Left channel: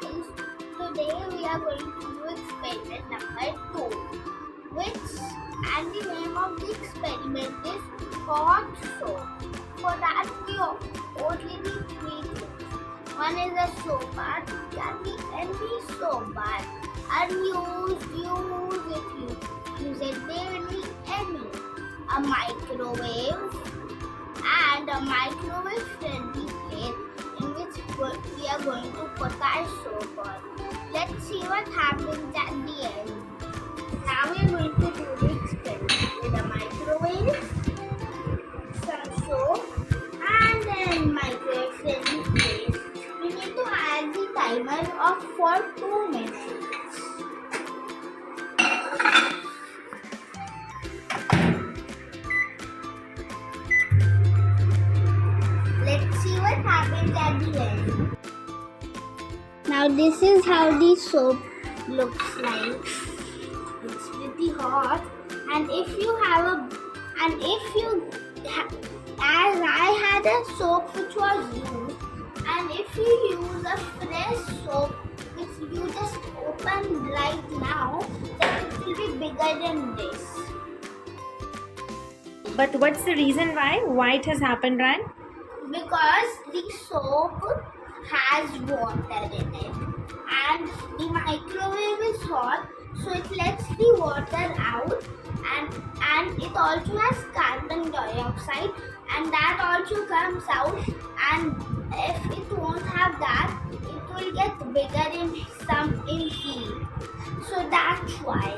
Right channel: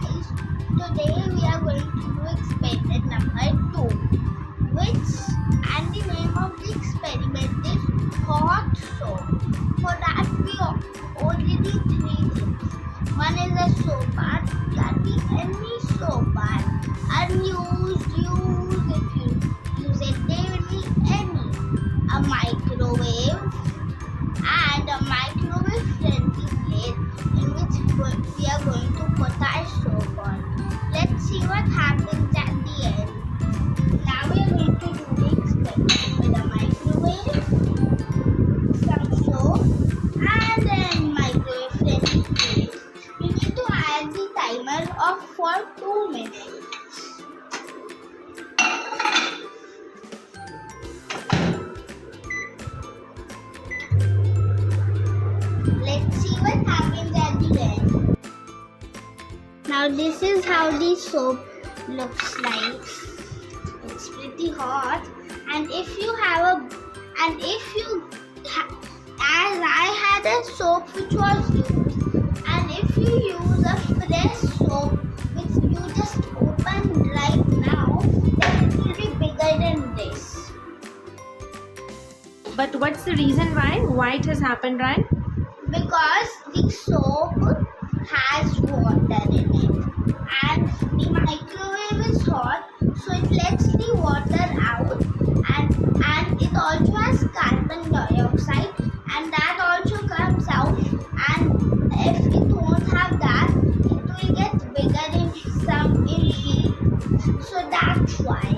guys, today we are going to do experiment number 2, which and the name of the experiment is hot soap. For that we only need 3 things. One is a soap bar, can be any soap bar, unused, used, if you use it daily, any. A microwave and a microwave friendly plate in which we are going to put our soap on. Let's see what happens at the end. Now we are going to do the experiment with a microwave, some soap and then microwave friendly plate. We need to add the timer of for 2 minutes. Let's see what happens at the end. Now this is how the soap looks like. It's pretty hot, and if you as I had a soap which was used, and if you use a fresh soap which you just opened right now, then it will be bigger than this. But what's the reason why it has happened, Ryan? Because the soap has water in it and the microwave is hot, so it lets the water out, and it also has carbon dioxide, and that also comes out, and if it won't have that, it will get bigger in heat. So that's why.